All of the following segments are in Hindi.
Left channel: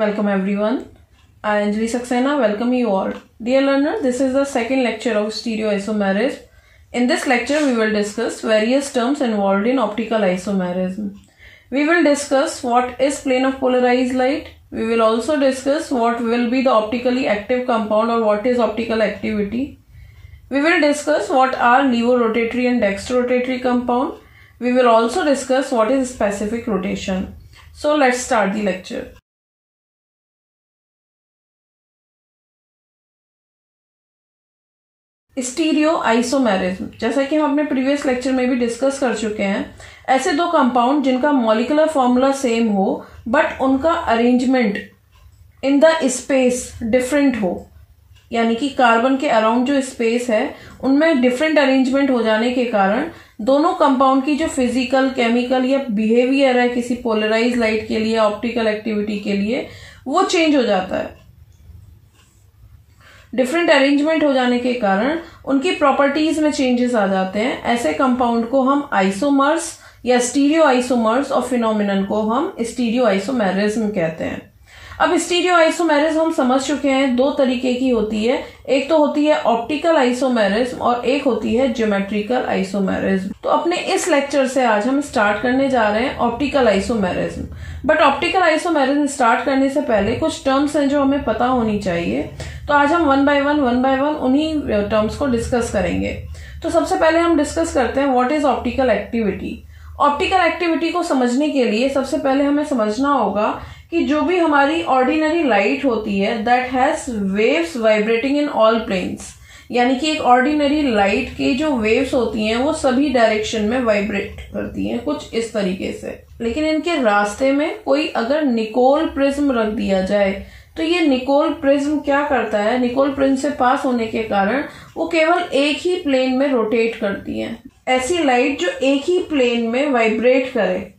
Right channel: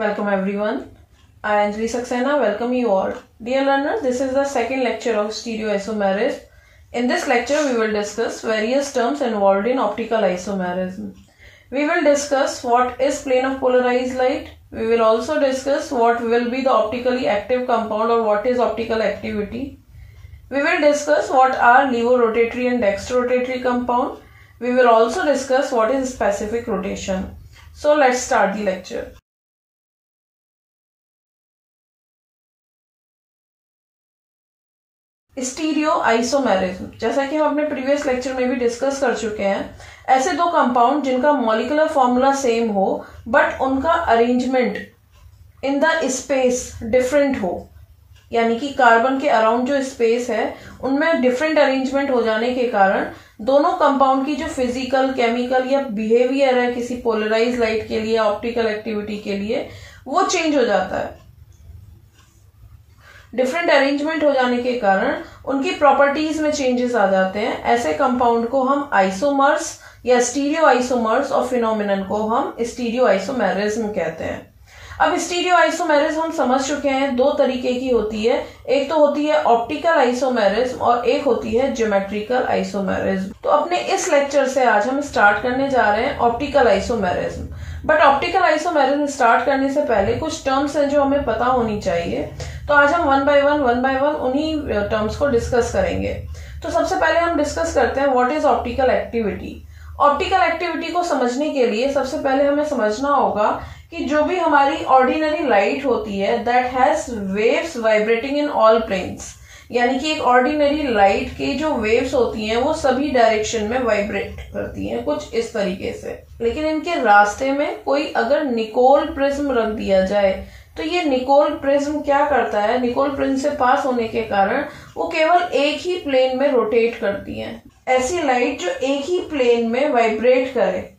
Welcome everyone. I Anjali Saxena welcome you all. Dear learners, this is the second lecture of stereoisomerism. In this lecture, we will discuss various terms involved in optical isomerism. We will discuss what is plane of polarized light. We will also discuss what will be the optically active compound or what is optical activity. We will discuss what are levorotatory and dextrorotatory compound. We will also discuss what is specific rotation. So let's start the lecture. Stereo isomerism, जैसा कि हम अपने प्रीवियस लेक्चर में भी डिस्कस कर चुके हैं, ऐसे दो कंपाउंड जिनका मॉलिक्यूलर फॉर्मूला सेम हो बट उनका arrangement in the space different हो, यानी कि कार्बन के अराउंड जो स्पेस है उनमें डिफरेंट अरेंजमेंट हो जाने के कारण दोनों कंपाउंड की जो फिजिकल, केमिकल या बिहेवियर है किसी पोलराइज लाइट के लिए, ऑप्टिकल एक्टिविटी के लिए, वो चेंज हो जाता है। डिफरेंट अरेंजमेंट हो जाने के कारण उनकी प्रॉपर्टीज में चेंजेस आ जाते हैं। ऐसे कंपाउंड को हम आइसोमर्स या स्टीरियो आइसोमर्स और फिनोमिनन को हम स्टीरियो आइसोमेरिज्म कहते हैं। अब स्टीरियो आइसोमेरिज्म हम समझ चुके हैं, दो तरीके की होती है। एक तो होती है ऑप्टिकल आइसोमेरिज्म और एक होती है ज्योमेट्रिकल आइसोमेरिज्म। तो अपने इस लेक्चर से आज हम स्टार्ट करने जा रहे हैं optical isomerism. But optical isomerism start करने से पहले कुछ टर्म्स हैं जो हमें पता होनी चाहिए। तो आज हम वन बाय वन उन्हीं टर्म्स को डिस्कस करेंगे। तो सबसे पहले हम डिस्कस करते हैं what is optical activity. Optical activity को समझने के लिए सबसे पहले हमें समझना होगा कि जो भी हमारी ऑर्डिनरी लाइट होती है that has waves vibrating in all planes, यानी कि एक ऑर्डिनरी लाइट के जो वेव्स होती हैं वो सभी डायरेक्शन में वाइब्रेट करती हैं कुछ इस तरीके से। लेकिन इनके रास्ते में कोई अगर निकोल प्रिज्म रख दिया जाए तो ये निकोल प्रिज्म क्या करता है, निकोल प्रिज्म से पास होने के कारण वो केवल एक ही प्लेन में रोटेट करती हैं। ऐसी लाइट जो एक ही प्लेन में वाइब्रेट करे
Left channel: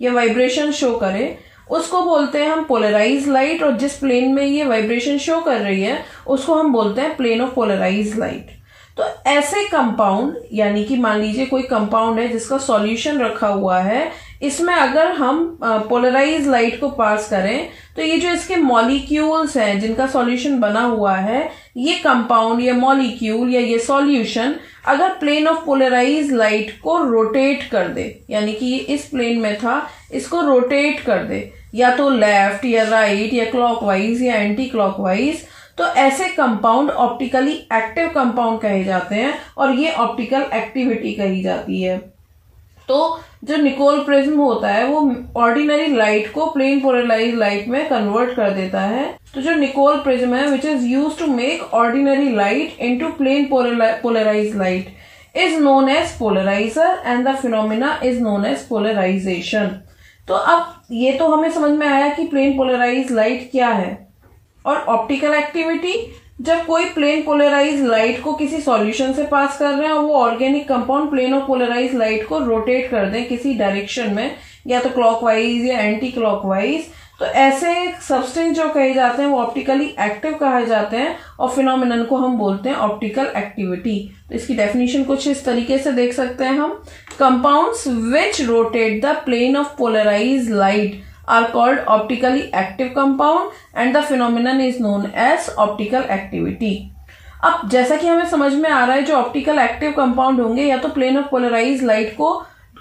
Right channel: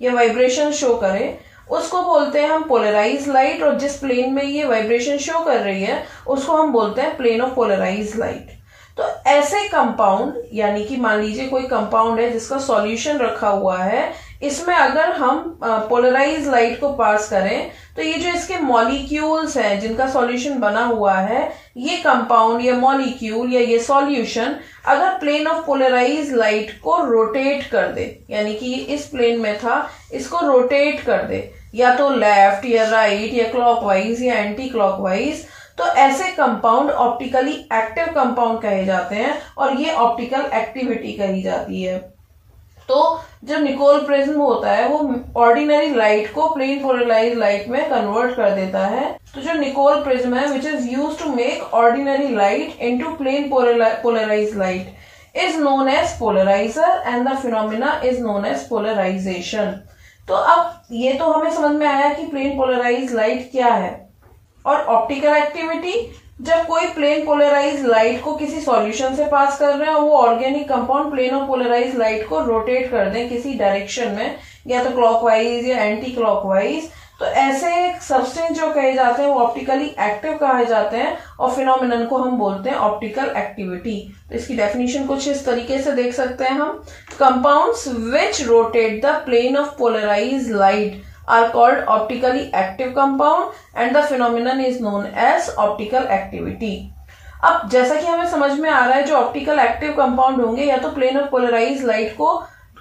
या वाइब्रेशन शो करे उसको बोलते हैं हम पोलराइज लाइट, और जिस प्लेन में ये वाइब्रेशन शो कर रही है उसको हम बोलते हैं प्लेन ऑफ पोलराइज लाइट। तो ऐसे कंपाउंड, यानी कि मान लीजिए कोई कंपाउंड है जिसका सॉल्यूशन रखा हुआ है, इसमें अगर हम पोलराइज लाइट को पास करें तो ये जो इसके मॉलिक्यूल्स हैं जिनका सॉल्यूशन बना हुआ है, ये कंपाउंड, ये मॉलिक्यूल या ये सॉल्यूशन अगर प्लेन ऑफ पोलराइज लाइट को रोटेट कर दे, यानी कि इस प्लेन में था इसको रोटेट कर दे, या तो लेफ्ट या राइट या क्लॉकवाइज या एंटी क्लॉकवाइज, तो ऐसे कंपाउंड ऑप्टिकली एक्टिव कंपाउंड कहे जाते हैं और ये ऑप्टिकल एक्टिविटी कही जाती है। तो जो निकोल प्रिज्म होता है वो ऑर्डिनरी लाइट को प्लेन पोलराइज लाइट में कन्वर्ट कर देता है। तो जो निकोल प्रिज्म है which is used to make ordinary light into plane polarise light is known as polariser and the phenomena is known as polarisation. तो अब ये तो हमें समझ में आया कि प्लेन पोलराइज लाइट क्या है। और ऑप्टिकल एक्टिविटी, जब कोई प्लेन पोलराइज लाइट को किसी सॉल्यूशन से पास कर रहे हैं और वो organic compound plane of polarise light को रोटेट कर दें किसी डायरेक्शन में, या तो क्लॉकवाइज या एंटी क्लॉकवाइज, तो ऐसे सब्सटेंस जो कहे जाते हैं वो ऑप्टिकली एक्टिव कहे जाते हैं और फिनोमिनन को हम बोलते हैं ऑप्टिकल एक्टिविटी। तो इसकी डेफिनेशन कुछ इस तरीके से देख सकते हैं हम, compounds which rotate the plane of polarise light are called optically active compound and the phenomenon is known as optical activity। अब जैसा कि हमें समझ में आ रहा है जो ऑप्टिकल एक्टिव कंपाउंड होंगे या तो प्लेन ऑफ पोलराइज लाइट को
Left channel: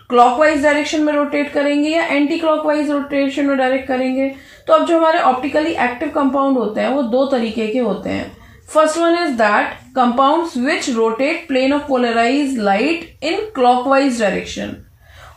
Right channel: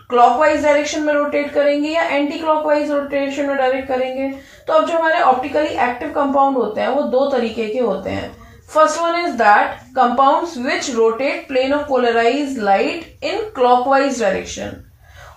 क्लॉकवाइज डायरेक्शन में रोटेट करेंगे या एंटी क्लॉकवाइज रोटेशन में डायरेक्ट करेंगे। तो अब जो हमारे ऑप्टिकली एक्टिव कंपाउंड होते हैं वो दो तरीके के होते हैं। First one is that compounds which rotate plane of polarise light in clockwise direction,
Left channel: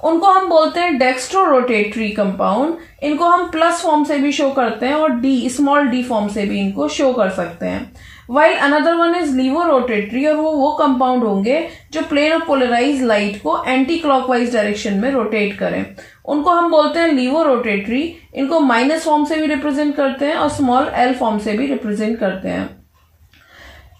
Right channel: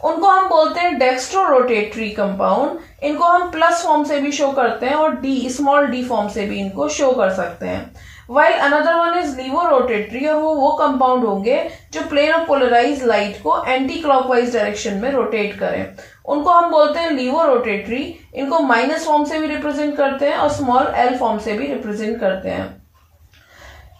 उनको हम बोलते हैं डेक्स्ट्रोरोटेटरी कंपाउंड। इनको हम प्लस फॉर्म से भी शो करते हैं और डी, स्मॉल डी फॉर्म से भी इनको शो कर सकते हैं। वाइल अनदर वन इज लीवोरोटेटरी, और वो कंपाउंड होंगे जो प्लेन ऑफ पोलराइज लाइट को एंटी क्लॉकवाइज डायरेक्शन में रोटेट करें, उनको हम बोलते हैं लीवोरोटेटरी। इनको माइनस फॉर्म से भी रिप्रेजेंट करते हैं और स्मॉल एल फॉर्म से भी रिप्रेजेंट करते हैं।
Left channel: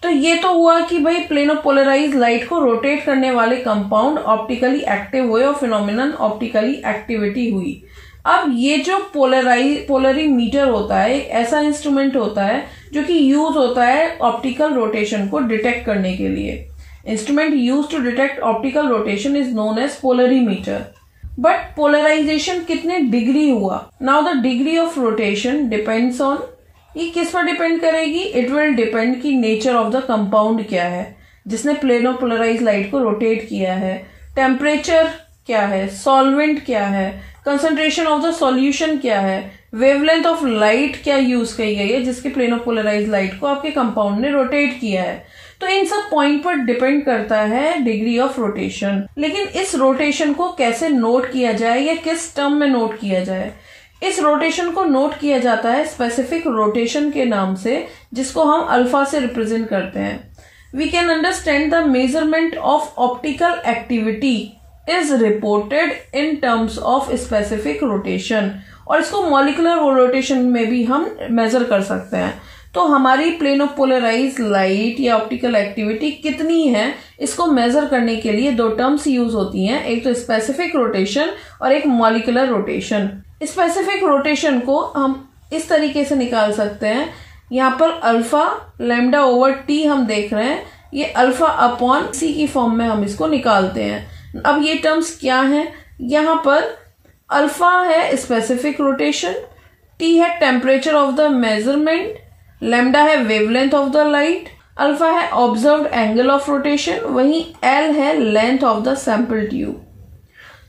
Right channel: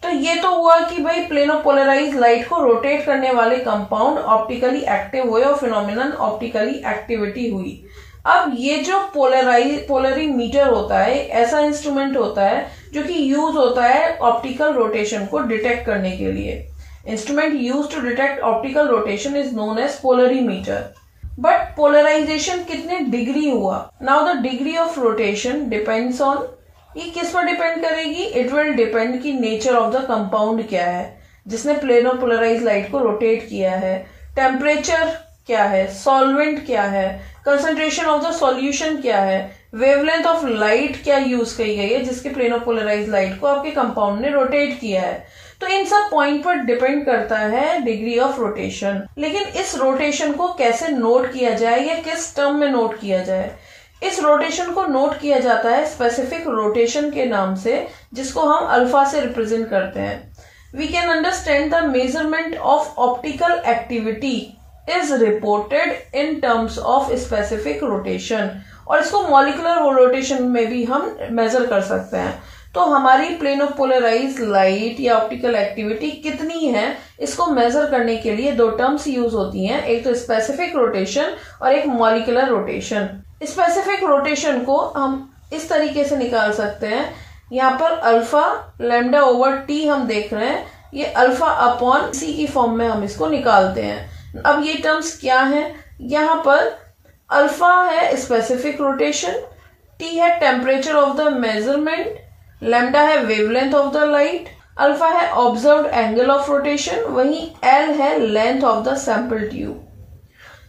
तो ये तो हुआ कि भाई प्लेन ऑफ पोलराइज लाइट को रोटेट करने वाले कंपाउंड ऑप्टिकली एक्टिव हुए और फिनोमिनन ऑप्टिकली एक्टिविटी हुई। अब ये जो पोलरीमीटर होता है, ऐसा इंस्ट्रूमेंट होता है जो कि यूज होता है ऑप्टिकल रोटेशन को डिटेक्ट करने के लिए। Instrument use to detect optical rotation is known as polarimeter. But polarisation कितने डिग्री हुआ। Now the degree of rotation depends on, ये किस पर डिपेंड करेगी, इट विल डिपेंड की नेचर ऑफ द कंपाउंड क्या है जिसने प्लेन ऑफ पोलराइज लाइट को रोटेट किया है, टेम्परेचर क्या है, सॉल्वेंट क्या है, कंसंट्रेशन ऑफ द सॉल्यूशन क्या है, वेवलेंथ ऑफ लाइट क्या यूज की गई है जिसके प्लेन ऑफ पोलराइज लाइट को आपके कंपाउंड ने रोटेट किया है। तो इन सब पॉइंट पर डिपेंड करता है डिग्री ऑफ रोटेशन। लेकिन इस रोटेशन को कैसे नोट किया जाए या किस टर्म में नोट किया जाए, इस रोटेशन को नोट किया जाता है स्पेसिफिक रोटेशन के नाम से, जिसको हम अल्फा से रिप्रेजेंट करते हैं। We can understand the measurement of optical activity is reported in terms of specific rotation, और इसको मॉलिक्यूलर रोटेशन में भी हम मेजर कर सकते हैं। तो हमारी प्लेन ऑफ पोलराइज लाइट या ऑप्टिकल एक्टिविटी कितनी है, इसको मेजर करने के लिए दो टर्म्स यूज होती हैं, एक तो स्पेसिफिक रोटेशन और एक मॉलिक्यूलर रोटेशन। स्पेसिफिक रोटेशन को हम इस तरीके से निकाल सकते हैं, यहाँ पर अल्फा लैम्डा ओवर टी हम देख रहे हैं, ये अल्फा अपॉन सी की फॉर्म में हम इसको निकालते हैं। अब ये टर्म्स क्या हैं, यहाँ पर अल्फा है स्पेसिफिक रोटेशन, टी है temperature of the measurement, lambda है wavelength of the light, alpha है ऑब्जर्व्ड एंगल ऑफ रोटेशन, वहीं एल है length of the sample tube,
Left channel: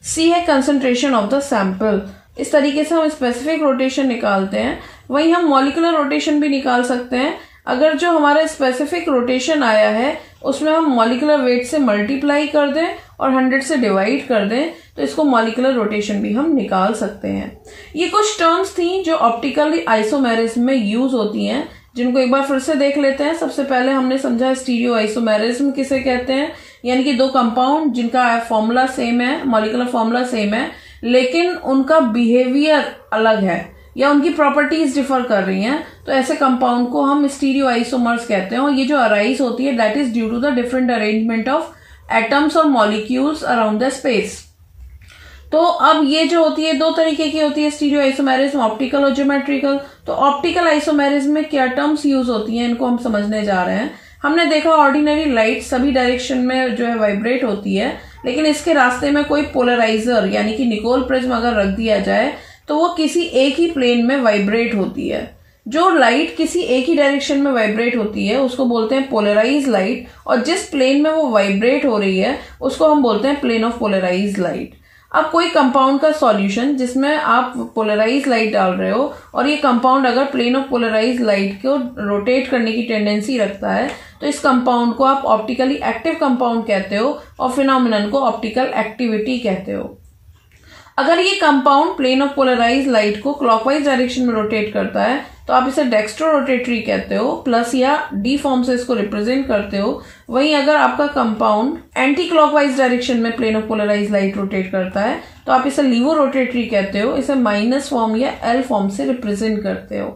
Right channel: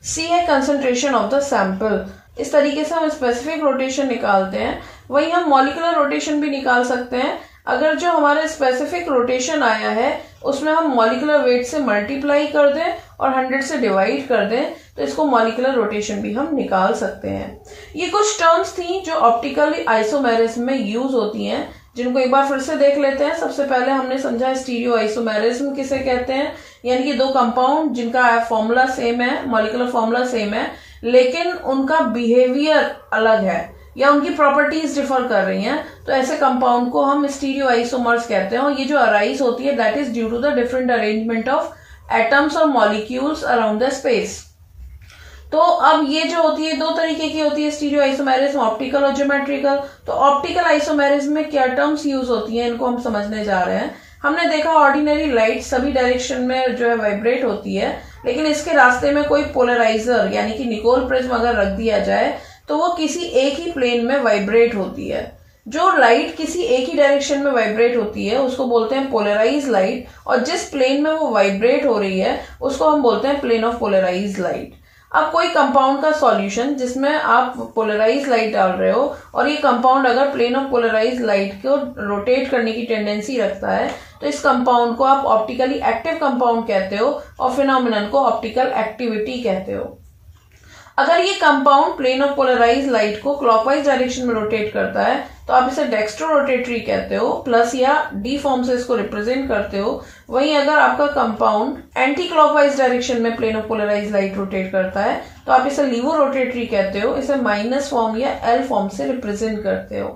C है कंसंट्रेशन ऑफ द सैंपल। इस तरीके से हम स्पेसिफिक रोटेशन निकालते हैं। वहीं हम मॉलिक्यूलर रोटेशन भी निकाल सकते हैं। अगर जो हमारा स्पेसिफिक रोटेशन आया है उसमें हम मॉलिक्यूलर वेट से मल्टीप्लाई कर दें और 100 से डिवाइड कर दें, तो इसको मॉलिक्यूलर रोटेशन भी हम निकाल सकते हैं। ये कुछ टर्म्स थी जो ऑप्टिकल आइसोमेरिज्म में यूज होती हैं, जिनको एक बार फिर से देख लेते हैं। सबसे पहले हमने समझा स्टीरियो आइसोमेरिज्म किसे कहते हैं, यानी कि दो कंपाउंड जिनका फॉर्मूला सेम है, मॉलिक्यूलर फॉर्मूला सेम है, लेकिन उनका बिहेवियर अलग है या उनकी प्रॉपर्टीज डिफर कर रही हैं, तो ऐसे कंपाउंड को हम स्टीरियो आइसोमर्स कहते हैं। और ये जो अराइज होती है that is due to the different arrangement of atoms और मॉलिक्यूल्स अराउंड द स्पेस। तो अब ये जो होती है दो तरीके की होती है स्टीरियो आइसोमेरिज्म, ऑप्टिकल और ज्योमेट्रिकल। तो ऑप्टिकल आइसोमेरिज्म में क्या टर्म्स यूज होती हैं, इनको हम समझने जा रहे हैं। हमने देखा ऑर्डिनरी लाइट सभी डायरेक्शन में जो है वाइब्रेट होती है, लेकिन इसके रास्ते में कोई पोलराइजर यानी कि निकोल प्रिज्म अगर रख दिया जाए तो वो किसी एक ही प्लेन में वाइब्रेट होती है। जो लाइट किसी एक ही डायरेक्शन में वाइब्रेट होती है उसको बोलते हैं पोलराइज लाइट, और जिस प्लेन में वो वाइब्रेट हो रही है उसको हम बोलते हैं प्लेन ऑफ पोलराइज लाइट। अब कोई कंपाउंड का सॉल्यूशन जिसमें आप पोलराइज लाइट डाल रहे हो और ये कंपाउंड अगर प्लेन ऑफ पोलराइज लाइट को रोटेट करने की टेंडेंसी रखता है, तो इस कंपाउंड को आप ऑप्टिकली एक्टिव कंपाउंड कहते हो और फिनोमिनन को ऑप्टिकल एक्टिविटी कहते हो। अगर ये compound plane of polarise light को क्लॉकवाइज डायरेक्शन में रोटेट करता है तो आप इसे डेक्स्ट्रो रोटेटरी कहते हो, प्लस या डी फॉर्म से इसको रिप्रेजेंट करते हो। वहीं अगर आपका कंपाउंड एंटी क्लॉकवाइज डायरेक्शन में plane of polarise light rotate करता है तो आप इसे लीवो रोटेटरी कहते हो, इसे माइनस फॉर्म या एल फॉर्म से रिप्रेजेंट करते हो।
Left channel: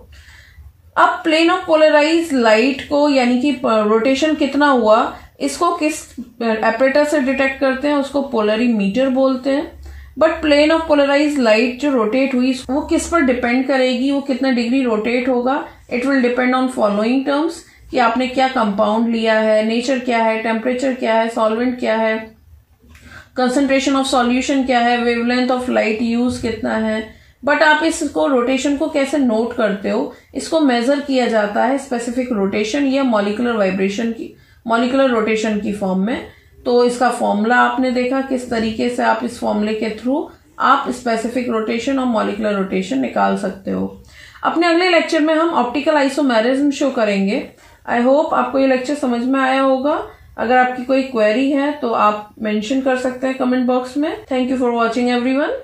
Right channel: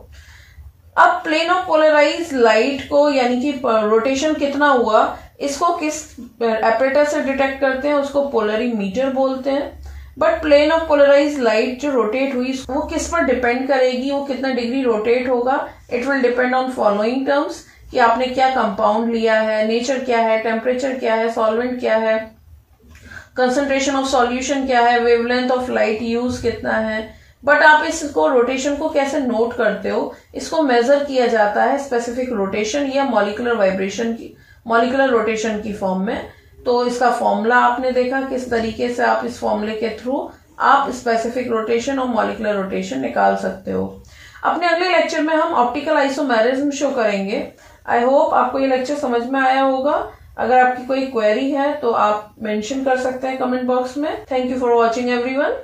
अब प्लेन ऑफ पोलराइज लाइट को यानी कि रोटेशन कितना हुआ, इसको किस एपरेटस से डिटेक्ट करते हैं, उसको पोलरीमीटर बोलते हैं। But plane of polarise light जो रोटेट हुई वो किस पर डिपेंड करेगी, वो कितना डिग्री रोटेट होगा, it will depend on following terms, कि आपने क्या कंपाउंड लिया है, नेचर क्या है, टेम्परेचर क्या है, सॉल्वेंट क्या है, कंसंट्रेशन ऑफ सॉल्यूशन क्या है, वेवलेंथ ऑफ लाइट यूज कितना है। बट आप इसको रोटेशन को कैसे नोट करते हो, इसको मेजर किया जाता है स्पेसिफिक रोटेशन या मॉलिक्यूलर वाइब्रेशन की, मॉलिक्यूलर रोटेशन की फॉर्म में। तो इसका फॉर्मूला आपने देखा, किस तरीके से आप इस फॉर्मूले के थ्रू आप स्पेसिफिक रोटेशन और मॉलिक्यूलर रोटेशन निकाल सकते हो। अपने अगले लेक्चर में हम ऑप्टिकल आइसोमेरिज्म शो करेंगे। आई होप आपको ये लेक्चर समझ में आया होगा। अगर आपकी कोई क्वेरी है तो आप मेंशन कर सकते हैं कमेंट बॉक्स में। Thank you for watching everyone.